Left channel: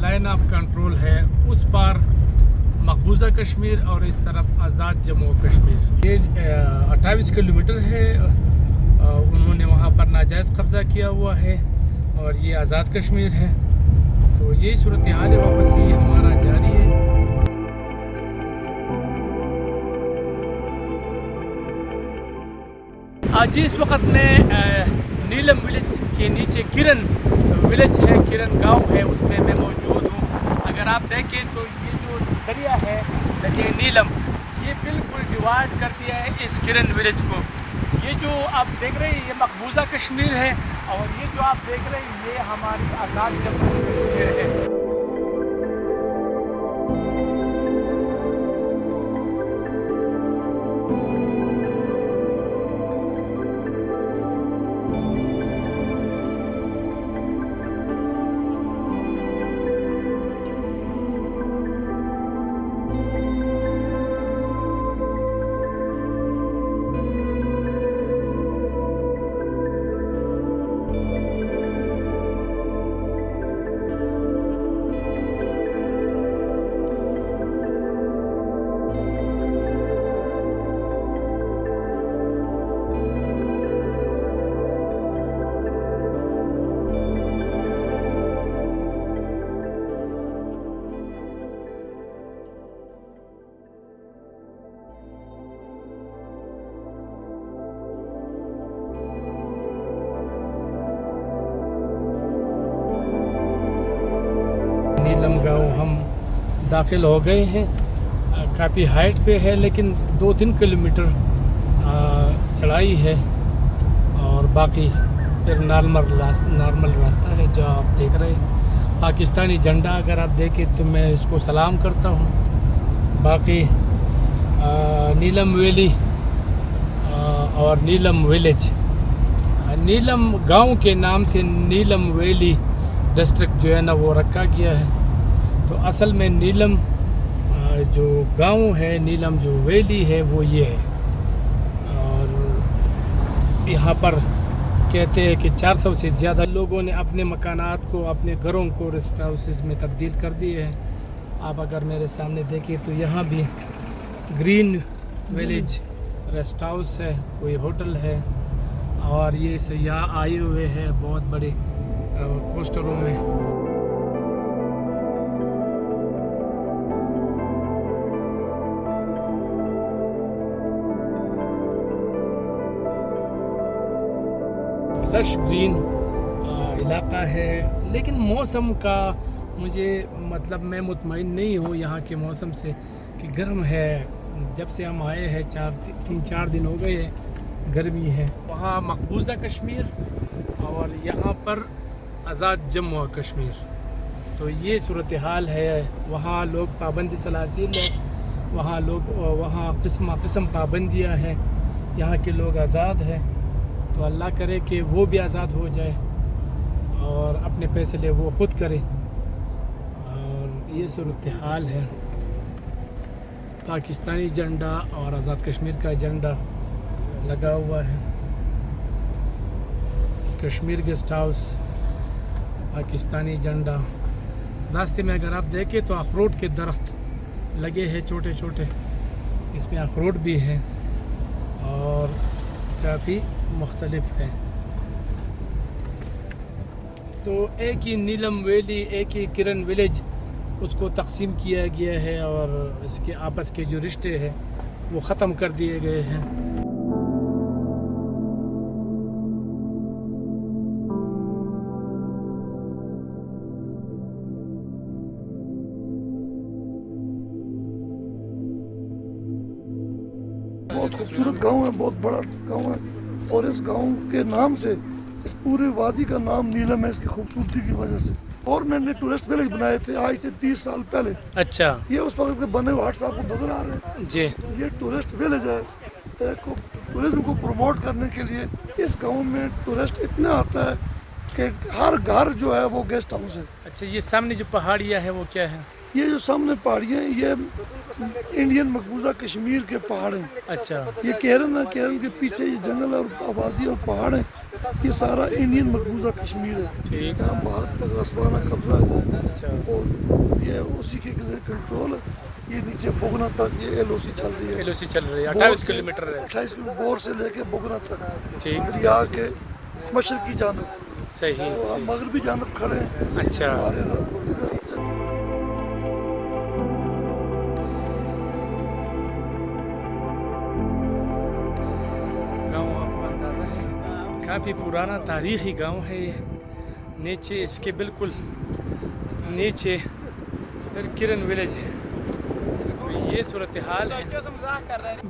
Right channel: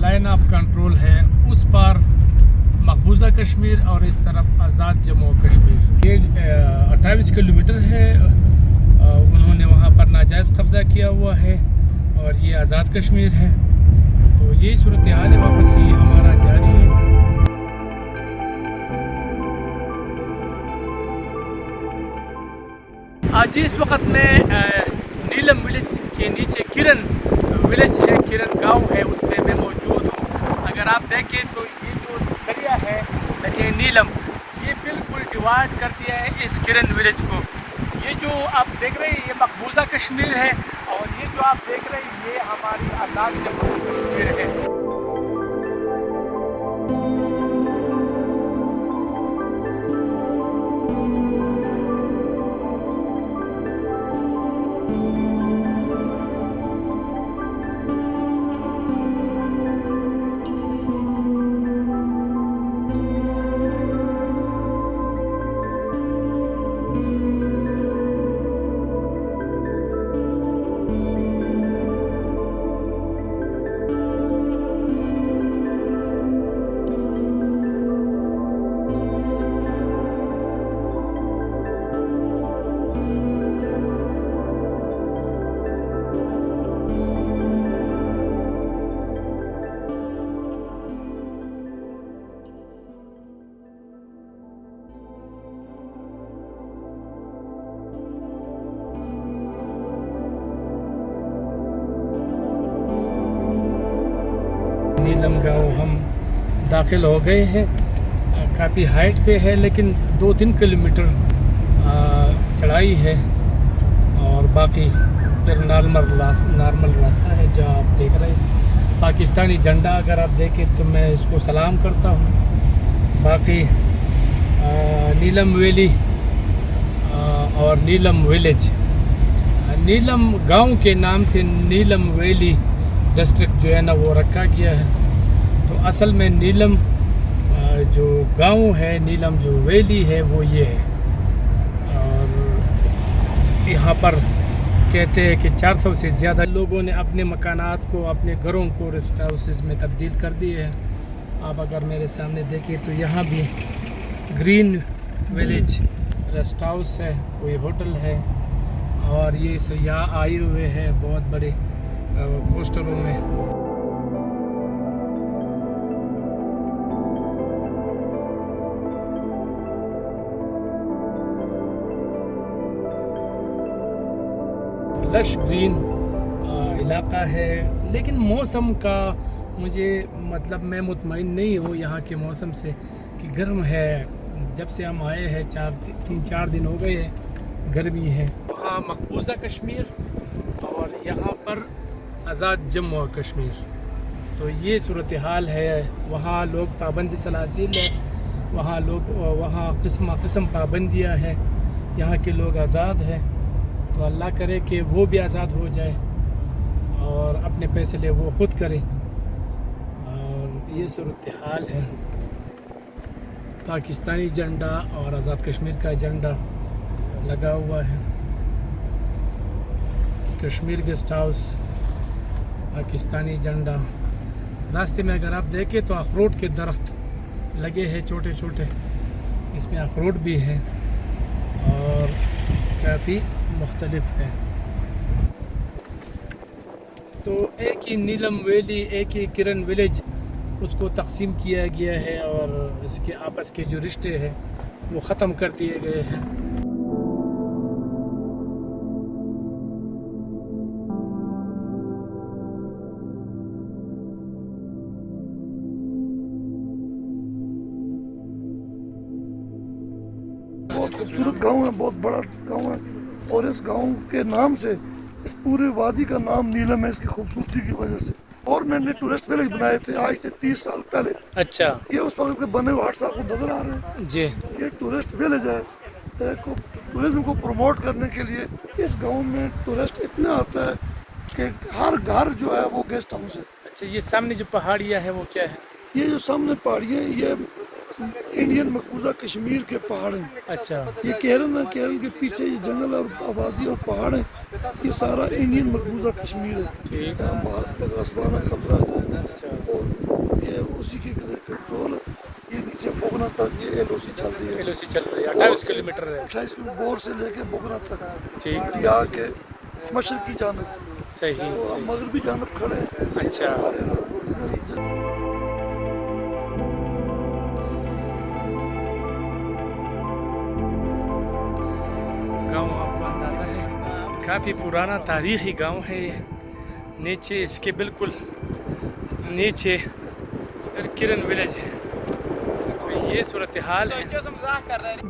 Line of control ہے اس پار مقبوضہ کشمیر اور اس طرف آزاد جموں و کشمیر. یہ 28 کلومیٹر ہے. انہوں نے وہاں پر ناجائز قبضہ کیا ہوا ہے اور یہ آزاد کشمیر ہے. تو یہی صورتحال واپسی ہمارا جاری ہے. آج اس وقت میں نیلم ولیج کے نیچے کرن ولیج ہے, کرن گاؤں ہے, اس میں موجود ہوں. اگر آپ دیکھیں تو یہ جو دریا ہے نیلم, یہ بالکل ڈیوائڈ کر دیا ہے اس کرن ولیج کو. یہ جو آپ دیکھ رہے ہیں یہ مقبوضہ کشمیر ہے اور یہ جو آپ دیکھ رہے ہیں یہ ہماری آزاد جموں و کشمیر ہے. نیلم گاؤں ہم داخل ہو گئے ہیں. کافی ہائٹ پہ ہے لیکن 2-3 کلومیٹر چڑھائی ہے اور باقی پھر نارمل راستہ ہے جو آپ دیکھ رہے ہیں. پاکستانی جھنڈا اگر آپ دیکھیں تو میں اس کو سلام کرتا ہوں. باقی نیلم ویلی اور نیلم ولیج, نیلم گاؤں کے نام سے نیلم ویلی ڈسٹرکٹ جو ہے نا وہ رکھا گیا ہے. تو اصل میں نیلم جو گاؤں ہے, نیلم جو ویلی ہے وہ یہ ہے. اور یہاں پر کہتے ہیں کہ 400 سے زیادہ لوگوں نے اپنے مکانات کو, اپنے گھروں کو ریسٹ ہاؤسز میں تبدیل کر دیے ہیں. آپ اگر میرے سامنے دیکھیں تو یہاں بھی گرین ولیج ریسٹ ہاؤس ہے, کوئی ہوٹل ہے اور یہ سیاح آئے ہوئے ہیں بہت بڑے پوسٹروں میں. لش گرین علاقہ ہے لیکن موسم کا مجھے مطلب میں مطمئن نہیں ہوں یہاں کے موسم سے کہ گرم ہے. جب سے ہم آئے ہیں 3-4 دن ہو گئے ہیں, گرمی ہے. وہاں مقبوضہ کشمیر اور یہاں پر آزاد جموں و کشمیر. تو یہ صورتحال ہے. وہاں لوگ پابندی سلاسل ہے, وہاں قسم پابندیاں ہیں. یہاں کے لوگ آزاد ہیں. تو اللہ کرے کہ وہ بھی آزاد ہو جائے اور اپنے فیصلے وہ خود کرے. اور یہ صورتحال ہے. پاکستانی جھنڈا اور آزاد کشمیر کا جھنڈا لگا ہوا ہے. کشمیر گیسٹ ہاؤس, پاکستانی جھنڈا. راستے میں اگر آپ دیکھیں تو اخروٹ کے درخت لگے ہیں چھوٹے چھوٹے, اس میں اخروٹ بھی ہے اور کافی مختلف ہے. تو ایک ہی نیلم ویلی, ایک ہی کرن ولیج, اس کو تقسیم کیا گیا ہے اور اس کے آپس کے جو رشتے ہیں وہ ختم کر دیے گئے ہیں. بہت خوبصورت گاؤں ہے, بہت بڑا گاؤں ہے اور اس گاؤں کے نام سے اس پورے وادی کا نام نیلم ہے اس کی خوبصورتی کی وجہ سے. اور میں نے ٹورسٹ ولیج بنائے تھے آج سے 30 سال پہلے. اچھا یہ اس وقت کے بنے ہوئے ہٹس آپ کو نظر آ رہے ہیں. جی. یہ ٹورسٹ ولیج ہے. ٹورزم کو پروموٹ کرنے کے لیے اس گاؤں میں ٹورسٹ اتنا آتا ہے کہ ہر گھر جو ہے وہ گیسٹ ہاؤس ہے. اچھا یہ سامنے جو پہاڑیاں ہے وہ کیا ہے؟ یہ جو سامنے پہاڑیاں ہیں یہ انڈین مقبوضہ کشمیر کے پہاڑ ہیں. اچھا یہ کیرن ہے. کیرن کے پیچھے یہ جنگل اور آبادی اور پہاڑ ہیں. یہ سارا انڈین مقبوضہ کشمیر ہے. ٹھیک. یہاں بھارت کا غصبانہ قبضہ ہے اچھا اور یہ اسی کے لیے کنٹرول ہے. یہ نیچے بوگنا تک یہ ایل او سی چل رہی ہے. LOC چل رہی ہے 28 کلومیٹر ہے. 28 کلومیٹر بور سے لے کے بوگنا تک ٹھیک. دریا کے مشرقی جانب صحیح اور صحیح. مغربی جانب کھڑے ہیں. اچھا اور ادھر گاؤں آپ کو اندازہ ہے کافی پرانا تاریخی گاؤں ہے یہ. نیچے اس کے بالکل نیچے کرن ولیج ہے. تو یہ صورتحال ہے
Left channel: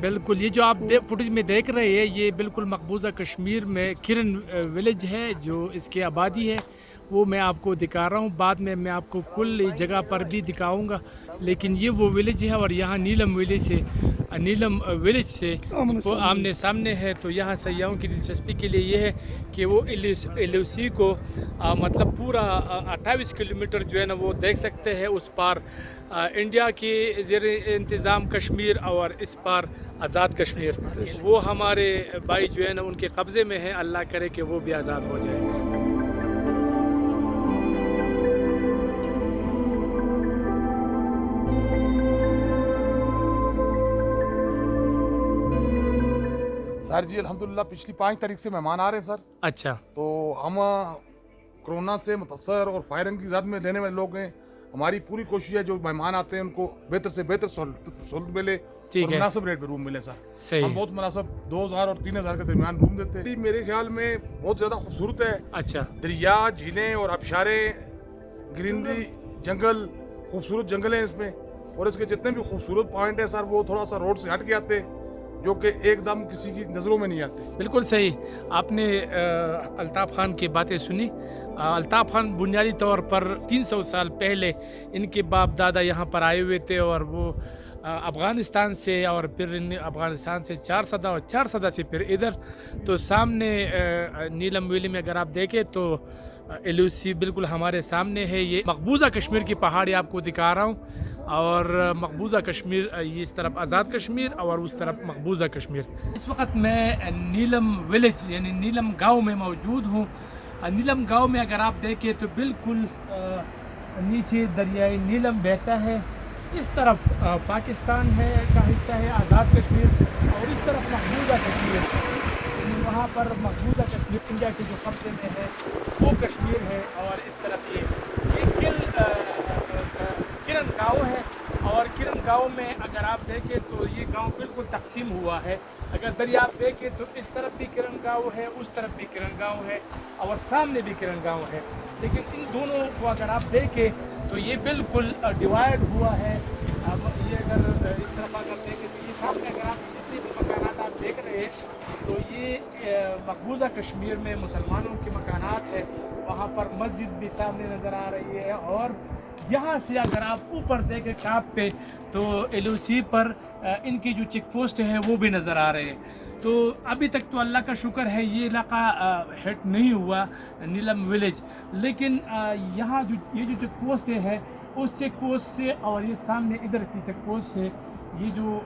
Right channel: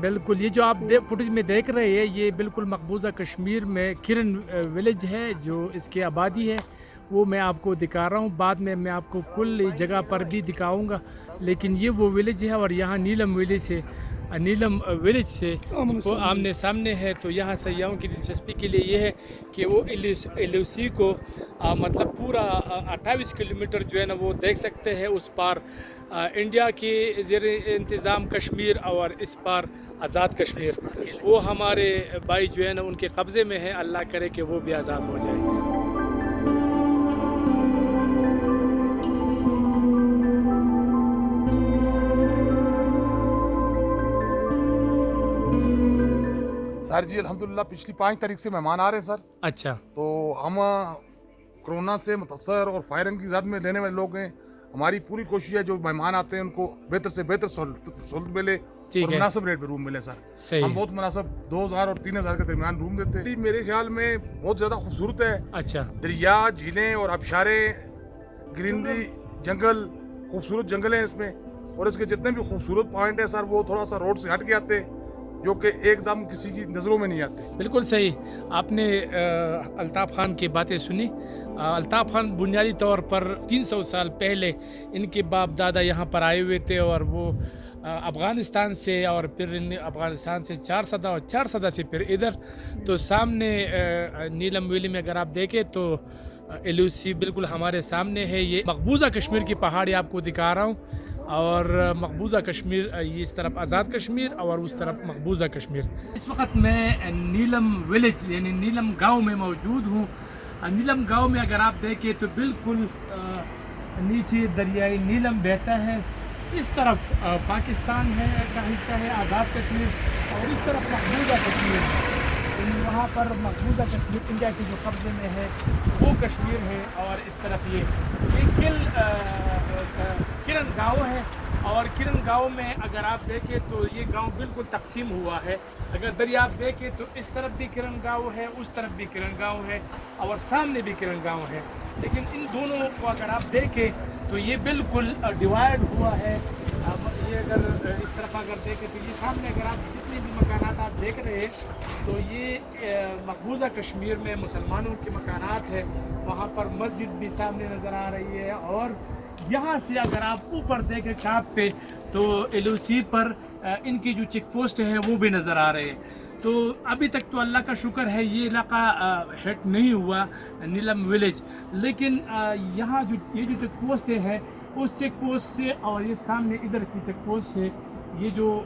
بالکل. یہ جو آپ فوٹیج میں دیکھ رہے ہیں یہ بالکل مقبوضہ کشمیر میں کرن ولیج ہے. جو اس کی آبادی ہے وہ میں آپ کو دکھا رہا ہوں. بعد میں آپ کو کل جگہ پر بھی دکھاؤں گا. لیکن یہ وہ ولیج ہے اور یہاں نیلم ولیج سے وہ آمنے سامنے ہے. تو یہاں سیاحوں کی دلچسپی کے لیے یہ ہے کہ وہ LOC کو مطلب پورا 28 کلومیٹر جو ہے نا وہ دیکھ سکتے ہیں. اس پار انڈیا کی زیر انتظام کشمیر اور اس پار آزاد کشمیر. وہ ہمارے بھائی جو ہے نا ان کے قبضے میں ہے. اللہ کرے کہ وہ بھی آزاد ہو جائے. سر جی الحمدللہ پچھلی 5 تاریخ سے مہمان آ رہے ہیں سر. اچھا تو ہم کرونا سے متاثر اور فائرنگ کی زد میں رہنے والے لوگ ہیں. ہماری پوری کوشش ہے جو مہمان آتے ہیں ان کو بہتر سے بہتر سہولت ملے اور مناسب ریٹ پہ روم ملے سر. ہم بہت مناسب 2000 اور 3000 کے درمیان روم دیتے ہیں. میرے خیال میں بہت زیادہ خوبصورت ہے. اچھا دریا جھیلیں اور آبشاریں گرینری جنگل خوبصورت جنگل ہیں اس میں. اور اس کے جتنے بھی خوبصورت پوائنٹ ہیں سر وہ تھوڑا سا روڈ سے ہٹ کے آتے جو کہ ایک دم کسی کی نظروں میں نہیں آتے. بالکل صحیح. آپ نے الطاف خان کی باتیں سنی. الطاف خان بنیادی طور پر 300 سال پہلے ان کے باپ دادا یہاں پر آئے ہوئے تھے اور وہ افغانستان سے اور پھر افغانستان سے 4 صدہ اور 4 صدہ سے پھر ادھر. تو سامنے نیلم ویلی میں اگر آپ دیکھیں تو LOC بالکل ہمارے سامنے ہے. یہ مقبوضہ کشمیر کی پہاڑی آپ کو دکھا رہا ہوں اور مقبوضہ کشمیر یہ اس طرف آزاد کشمیر اور اس طرف مقبوضہ کشمیر. اس وقت میں نیلم ولیج یعنی نیلم گاؤں میں موجود ہوں. نیلم گاؤں میں اگر آپ دیکھیں تو بالکل نیچے دریائے نیلم بہتا ہے. اس طرف پاکستان ہے کا حصہ ہے آزاد کشمیر اور اس طرف مقبوضہ کشمیر یعنی وہاں پر مقبوضہ کشمیر انڈیا کے جو قبضے میں ہے وہ کشمیر ہے. اور اس طرف یہ کرن گاؤں ہے. اور کرن گاؤں میں اگر آپ دیکھیں تو یہ گاؤں بالکل تقسیم ہوا ہے. اگر دریا آپ دیکھیں تو اس طرف بھی کرن گاؤں ہے اس طرف بھی کرن گاؤں ہے اور سامنے بھی کرن گاؤں ہے. لیکن ان دونوں کو اگر آپ دیکھیں تو یہ بالکل ڈیوائڈ ہوا ہے. اب یہ اگر اس طرف اگر دیکھیں تو یہ سامنے اگر آپ جتنی بھی مکانات آپ دیکھ رہے ہیں تو یہ مقبوضہ کشمیر میں مسلمانوں کے مکانات ہے. وہاں پر مسجد بھی سامنے نظر آ رہی ہے. اور یہاں سے اگر آپ اوپر دیکھیں ٹاپ پہ تو LOC پر ان کی جو چیک پوسٹ ہے وہ بھی نظر آ رہے ہیں. تو ابھی تک تو اللہ کا شکر ہے یہ علاقہ ہٹ نہیں ہوا نیلم ولیج. لیکن یہاں یہ جو چیک پوسٹ ہے اس چیک پوسٹ سے اور یہ سامنے ادھر کی چیک پوسٹ سے یہ جو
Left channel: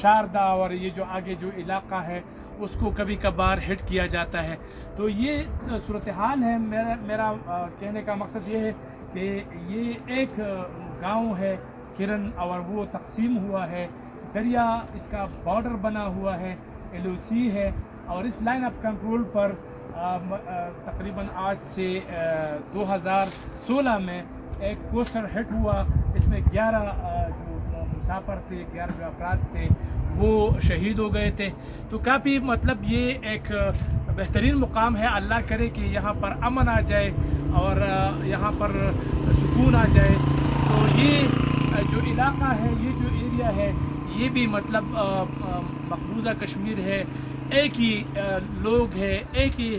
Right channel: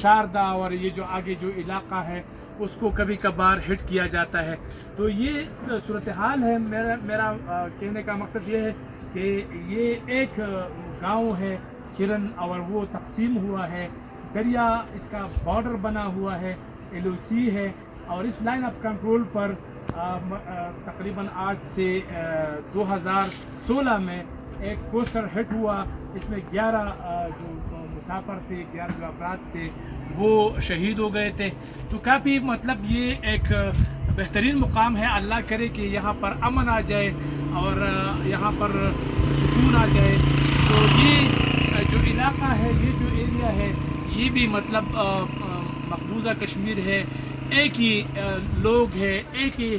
شاردا اور یہ جو آگے جو علاقہ ہے اس کو کبھی کبھار ہٹ کیا جاتا ہے. تو یہ صورتحال ہے. میرا کہنے کا مقصد یہ ہے کہ یہ ایک گاؤں ہے کرن اور وہ تقسیم ہوا ہے. دریا اس کا بارڈر بنا ہوا ہے. LOC ہے اور اس لائن آف کنٹرول پر تقریباً آج سے 2016 میں ایک پوسٹر ہٹ ہوا. اس میں 11 جو مسافر تھے 11 جو افراد تھے وہ شہید ہو گئے تھے. تو کافی مطلب یہ ایک بہترین مقام ہے. اللہ کرے کہ یہاں پر امن آ جائے اور یہااں پر سکون آ جائے. تو یہ جو علاقہ ہے یہ جو ایریا ہے یہ بھی مطلب مقبوضہ کشمیر ہے. ایک ہی لوگ ہے ایک ہی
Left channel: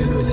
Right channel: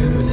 LOC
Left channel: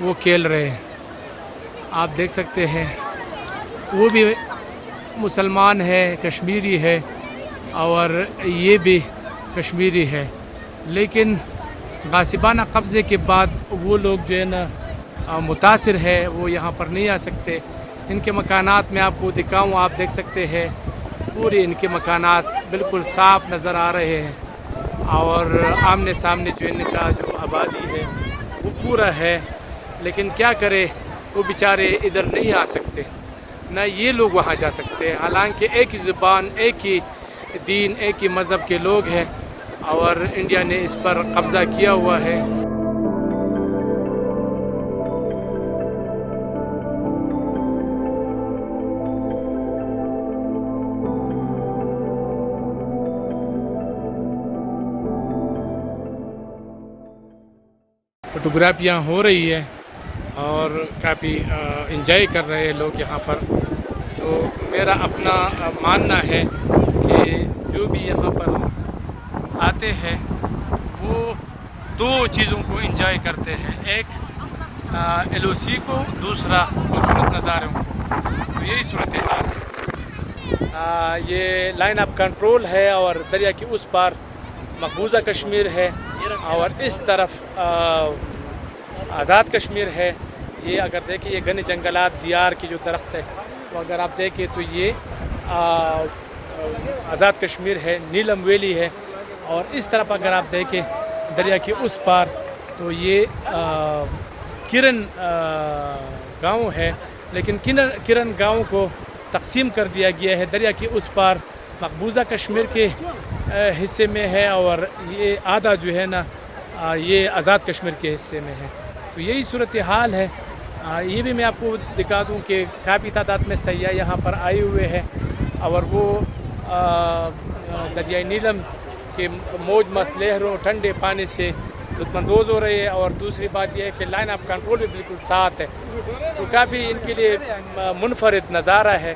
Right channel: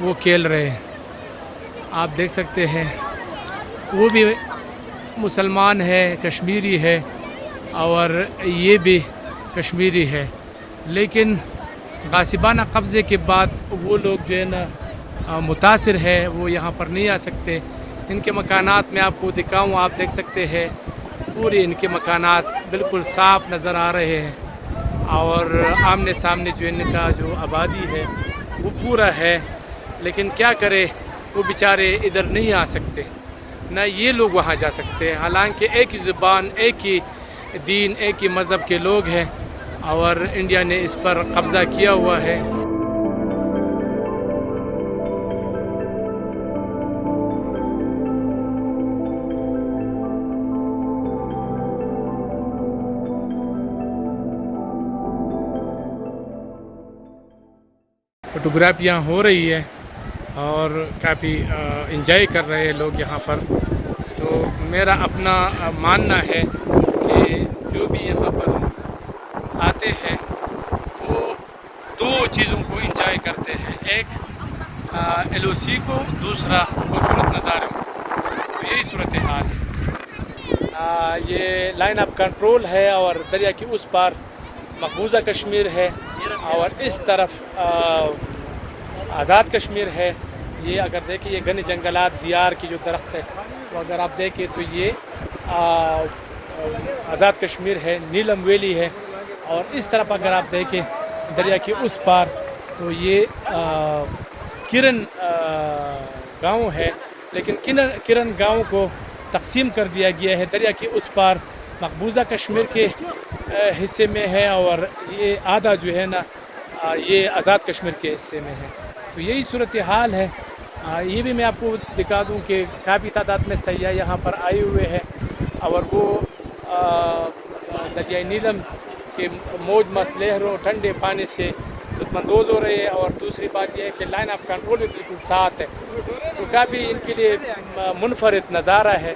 وہ کھیل رہے ہیں. آپ دیکھ سکتے ہیں وہ بھی مسلمان ہے, کشمیری ہے, اور یہ بھی کشمیری ہے, لیکن غاصبانہ قبضے کے بعد وہ لوگ جو ہے نا متاثر ہے, وہ یہاں پر نہیں آ سکتے. ان کے مکانات میں آپ کو دکھاؤں, آپ دیکھ سکتے ہیں پورے ان کے مکانات بالکل صاف نظر آ رہے ہیں, اور آمنے سامنے جو ان کا جو آبادی ہے وہ پورا ہے. لیکن کیا کرے, وہ بیچارے ادھر نہیں آ سکتے, نہ یہ لوگ وہاں جا سکتے. حالانکہ ایک ہی زبان, ایک ہی دین, ایک ہی مذہب کے لوگ ہیں, اور انڈیا نے اس پر قبضہ کیا ہوا ہے. فوٹوگرافیاں ہو رہی ہے اور کافی انجوائے کر رہے ہیں لوگ یہاں پر. تو میرا اپنا ماننا ہے کہ جو بھی یہاں پر آتے ہیں وہ دو چیزوں کو انجوائے کرتے ہیں, ایک ایل او سی کو, دوسرا خوبصورت نظاروں کو. تو یہی صورتحال ہے. یہ لائن آف کنٹرول ہے, اور دریا کی اس پار مقبوضہ کشمیر ہے, اور اس طرف آزاد کشمیر ہے. یہ اگر دیکھیں یہ گھنے جنگلات, دیار کی جو درخت ہے وہ اگر آپ دیکھیں تو یہ آزاد کشمیر ہے, نیلم ویلی ہے. اور اس طرف اگر آپ دیکھیں دریا کے اس پار تو یہ کرن گاؤں ہے, لیکن کرن گاؤں کو تقسیم کر دیا گیا ہے. دریا کے اس پار مقبوضہ کشمیر کے حصے میں ہے, اور یہ آدھا جو ہے نا یہ آزاد کشمیر کے حصے میں ہے. تو یہی صورتحال ہے. یہ بھی میں آپ کو دکھا دوں کہ کافی تعداد میں سیاح یہاں پر آئے ہوئے ہیں, اور وہ دریائے نیلم کے موج مست لہروں, ٹھنڈے پانی سے لطف اندوز ہو رہے ہیں. اور دوسری بات یہ ہے کہ لائن آف کنٹرول بھی بالکل ساتھ ہے, تو کافی ان کے لیے منفرد نظارہ ہے.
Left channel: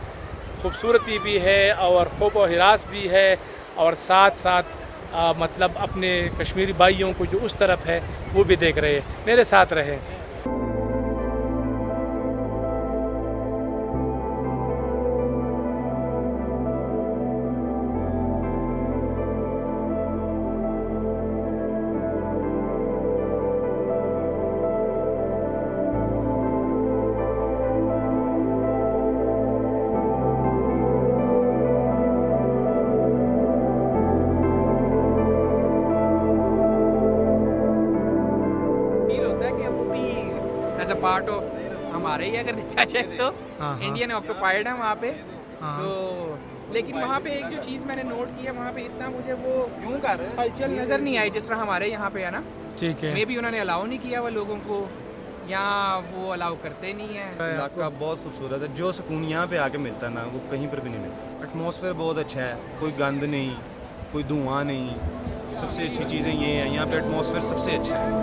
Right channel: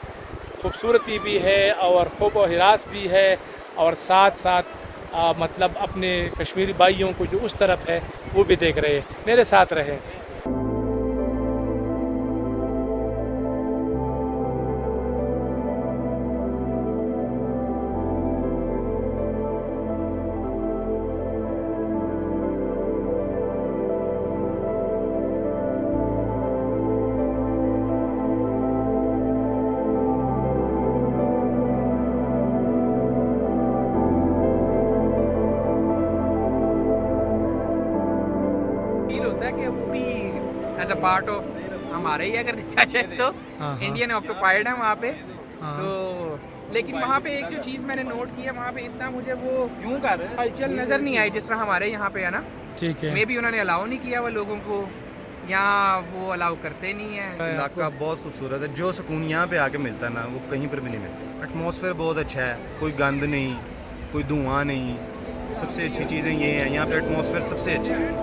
خوبصورتی بھی ہے اور خوب و ہراس بھی ہے, اور ساتھ ساتھ مطلب اپنے کشمیری بھائیوں کو جو اس طرف ہے وہ بھی دیکھ رہے ہیں. میرے ساتھ رہے. کہ وہ بھی ایز اے پارٹ آف ہمارے ہی اگر دیکھا جائے تو انڈین آکوپائڈ ہے وہاں پہ. تو لیکن وہاں پہ ایک جو چیز میں نے نوٹ کیا, وہاں پہ اتنا مجھے وہ کلچرل نظر نہیں آئی جس طرح ہمارے یہاں پہ ہے نا. ٹھیک ہے, مے بھی انہوں نے الاؤ نہیں کیا وہ لوگوں کو, یہاں وہ الاؤ کرتے نہیں ہیں. علاقہ بہت خوبصورت ہے, جو سکون یہاں پہ آ کے ملتا ہے نا وہ کہیں پر بھی نہیں ملتا. ایٹماسفیئر بہت اچھا ہے, کوئی گند نہیں, کوئی دھواں نہیں. سب سے اچھی چیزیں یہ ہیں یہاں پہ, ایٹماسفیئر سب سے اچھا ہے.